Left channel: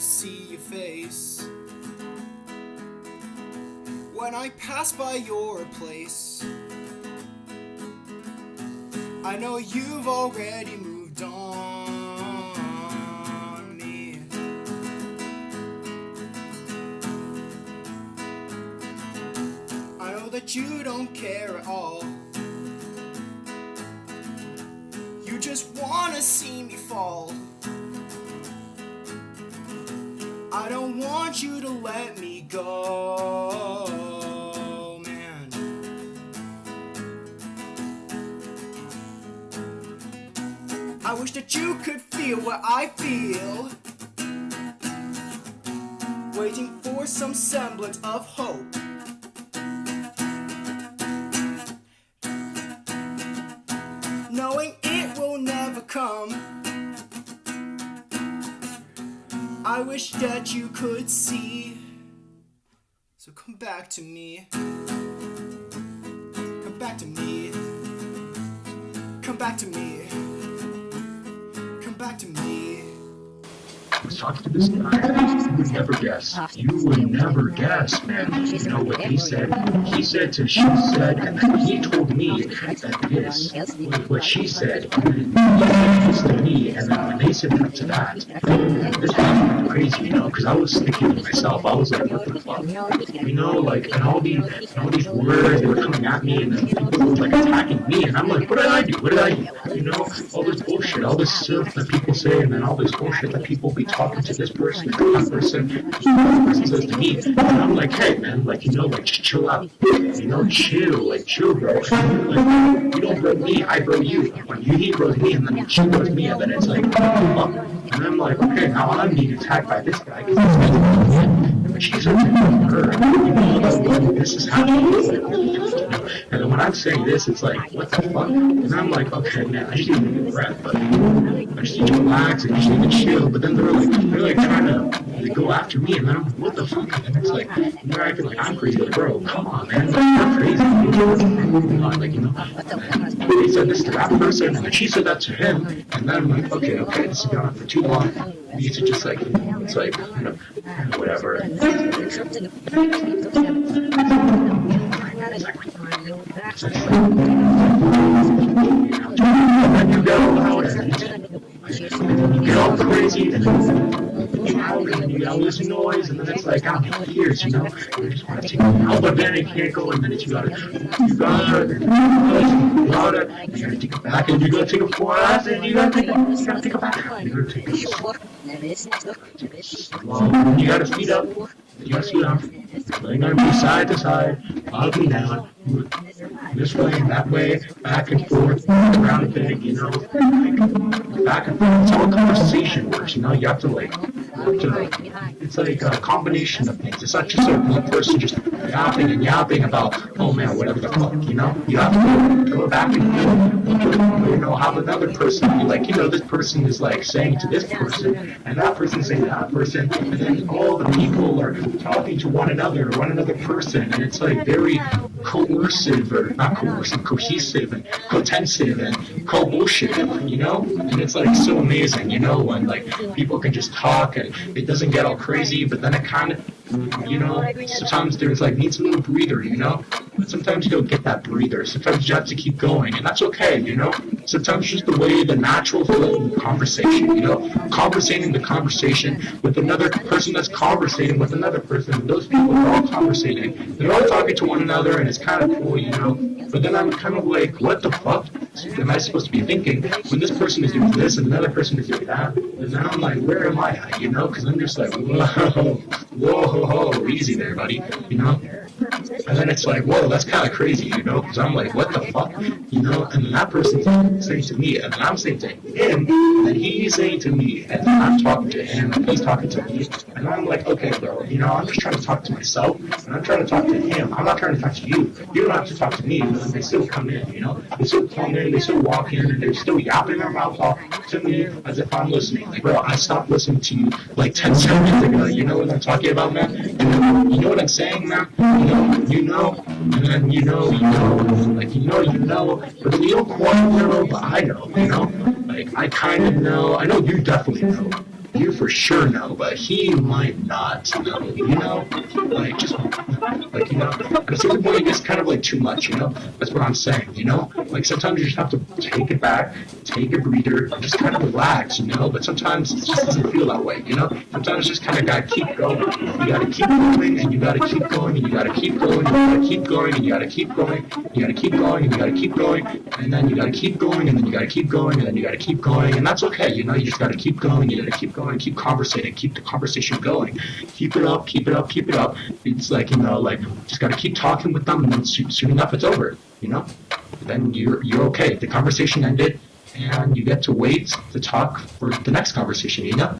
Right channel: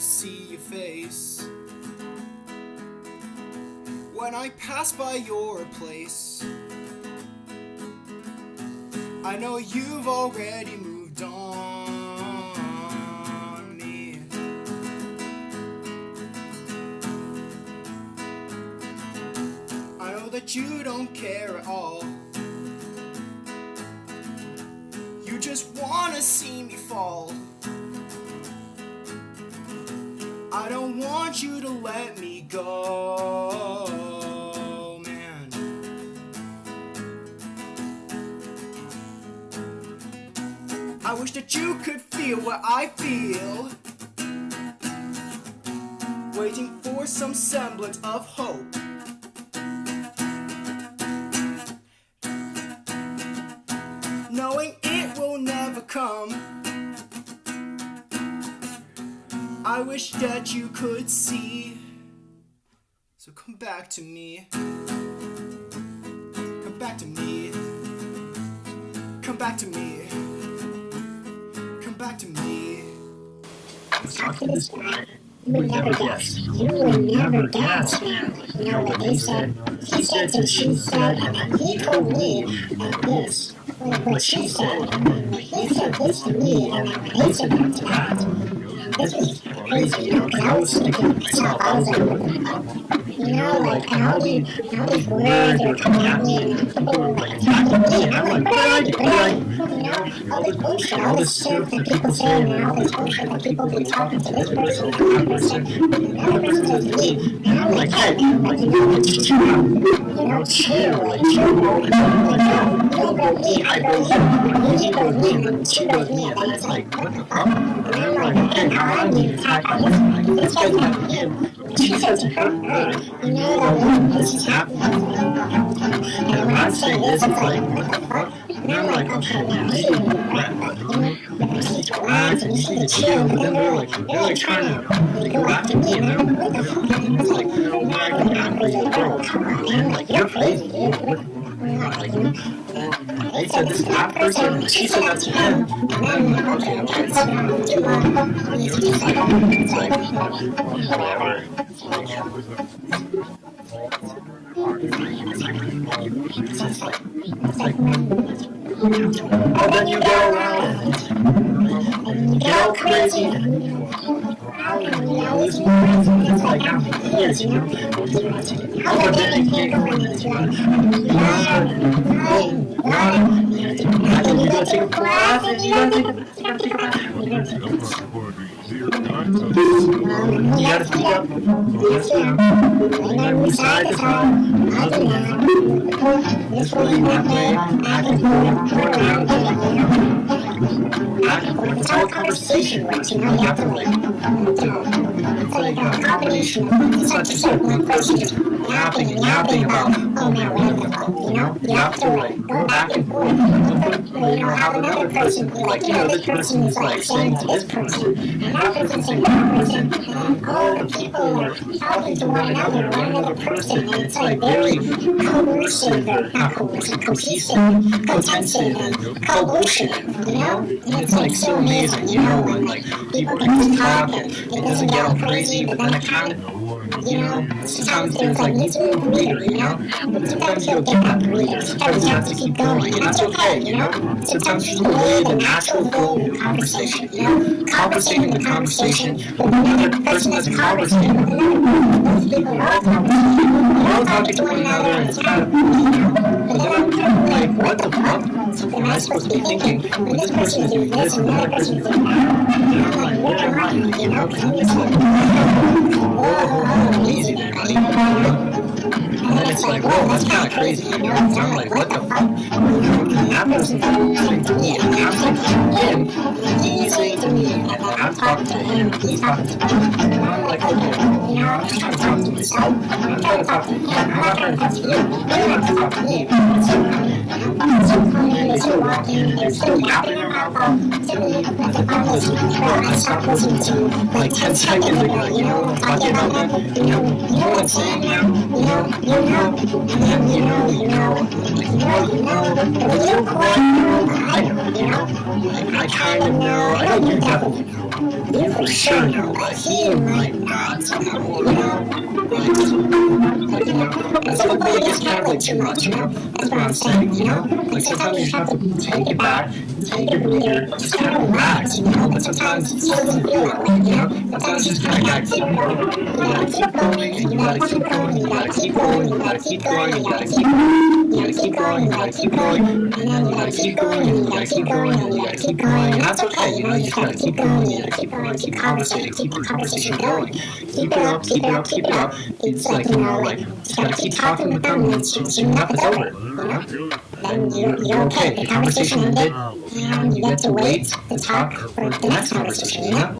wanna see your face when I pass by your place. I know you've already moved on me. I know that you don't care at all. You just wanna see me fall. I don't want you to let me go, man. I wish that you could feel what I feel, waiting for some semblance of hope. Knowing it will never come. I wish that you could see. So come back to me. Come back to me. Come back to me. Come back to me. I was talking to this guy. You would never guess. You would never guess, man. You know what he said? He said to she said, and then he told me that this, what she said, he said this to me, and then they said that to that. This was crazy, you know, because I was thinking to myself, I was like, what the fuck? You know, like, and all these words were coming at me, and people were like attacking me, and I'm like, what did I do? What did I do? You know, all this bullshit, all this stuff that people say, and then all this bullshit that people be talking to this person, that person, another person says to me, and I'm like, hey, man, like, you know, like, just chill out, you know, chill, bro, and I'm like, you don't bro me, I bro you, he bros me, and then she bros me, and then it's like, huh? And I'm like, okay, now I'm being attacked by this guy, because this guy's not again. She said to him, you know when this is happening, and when I'm saying this, it's like, what the fuck? And I'm like, okay, man, I just need to rap, but I just need to relax, I just need to chill, but then they're like trying to go after me, and they're like, what the fuck? And it's like, they're acting like I'm crazy, like, bro, come on, man, like, you're crazy, you're not, like, you know, he said this to that person, and she said that to him, and then I'm like, okay, it's not too long, I need to just, like, it's like, whatever. And then you get all loud, and you get all crazy, and you know, listen to noise, and it's like, after years, you know, you just want to take out, but then if you can't go, and then you gotta, back, and you gotta take a breath, and you gotta take a bath, you gotta feet up, yes, you know, you gotta move side to side, up and down, this way, that way, back and forth, around the thing, you know, back and forth, it's all conversation works, you know, you have to like, it's like a combination of things, it's not just like one person just yapping about, oh man, whatever the fuck, you know, you have to like go back and forth, you know, have another person be like, you know, this person is like saying to this person, and that person saying to that person, and then all the people are talking to one another person, and it's like very coercive, or not coercive, cohesive, cotensive, and co-bullshit, you know, and it's like so amazing, you know, when like people can just talk, and it doesn't get all crazy, but then it kind of, you know, sometimes there's like needs a little breather, you know, sometimes you don't get that breather, sometimes you have to keep going, and that's okay, you know, sometimes just the way the natural flow of the conversation, you know, conversating the conversation with another person that's conversating with another person, those people are all conversating, they're all talking to one another, and it's kind of cool, you know, but then I'm kind of like, what the fuck am I supposed to be thinking when this person is doing this and another person is doing that, and I'm like, where am I, like, you know, because I'm just like, whoa, easy there, buddy, you know? And then it's like, whoa, that's kind of crazy, you know? Because I'm like, what the fuck? You know? And that person's saying to me, and I'm saying to him, and he's saying to me, and I'm talking to him, and he's talking to me. And I'm like, okay, bro, you know, I'm just trying to talk to myself, and I'm trying to talk to him. I'm not trying to talk to you. You don't have to talk to me. They still come in, you know? They still come in, they still walk in, and they're still yapping their mouth off to me as if I'm listening. Bro, I stopped listening to like 10 seconds ago, you know what I'm talking about, man? You know what I'm saying now? You know, and then you know, like you know, but if you don't quite know, but I know, you know, like I kind of know, I know you definitely know, you for sure know, but he might not know, you know? You know, as everybody gets kind of like too much, you know? That's what I'm saying, you know? Like sometimes you just have to take it back, take a breather, just kind of relax, you know? But sometimes it just doesn't feel that way, you know? Sometimes you just kind of gotta keep going. You gotta keep going, and you gotta keep going, and you gotta keep going, and you gotta keep going, and you gotta keep going. You gotta keep going, and you gotta keep going, and then you gotta keep going, and then you gotta keep going, and then you gotta keep going, and that's okay, you know, you just gotta keep going, you gotta keep going, keep conversating, keep the conversation going. Keep it up, keep it up, keep it up. It's like, you know, like, just gotta keep talking with them, and then soon enough it's over, you know? Then you're okay. The conversation ended, and you get to wait to talk for the next conversation, you know?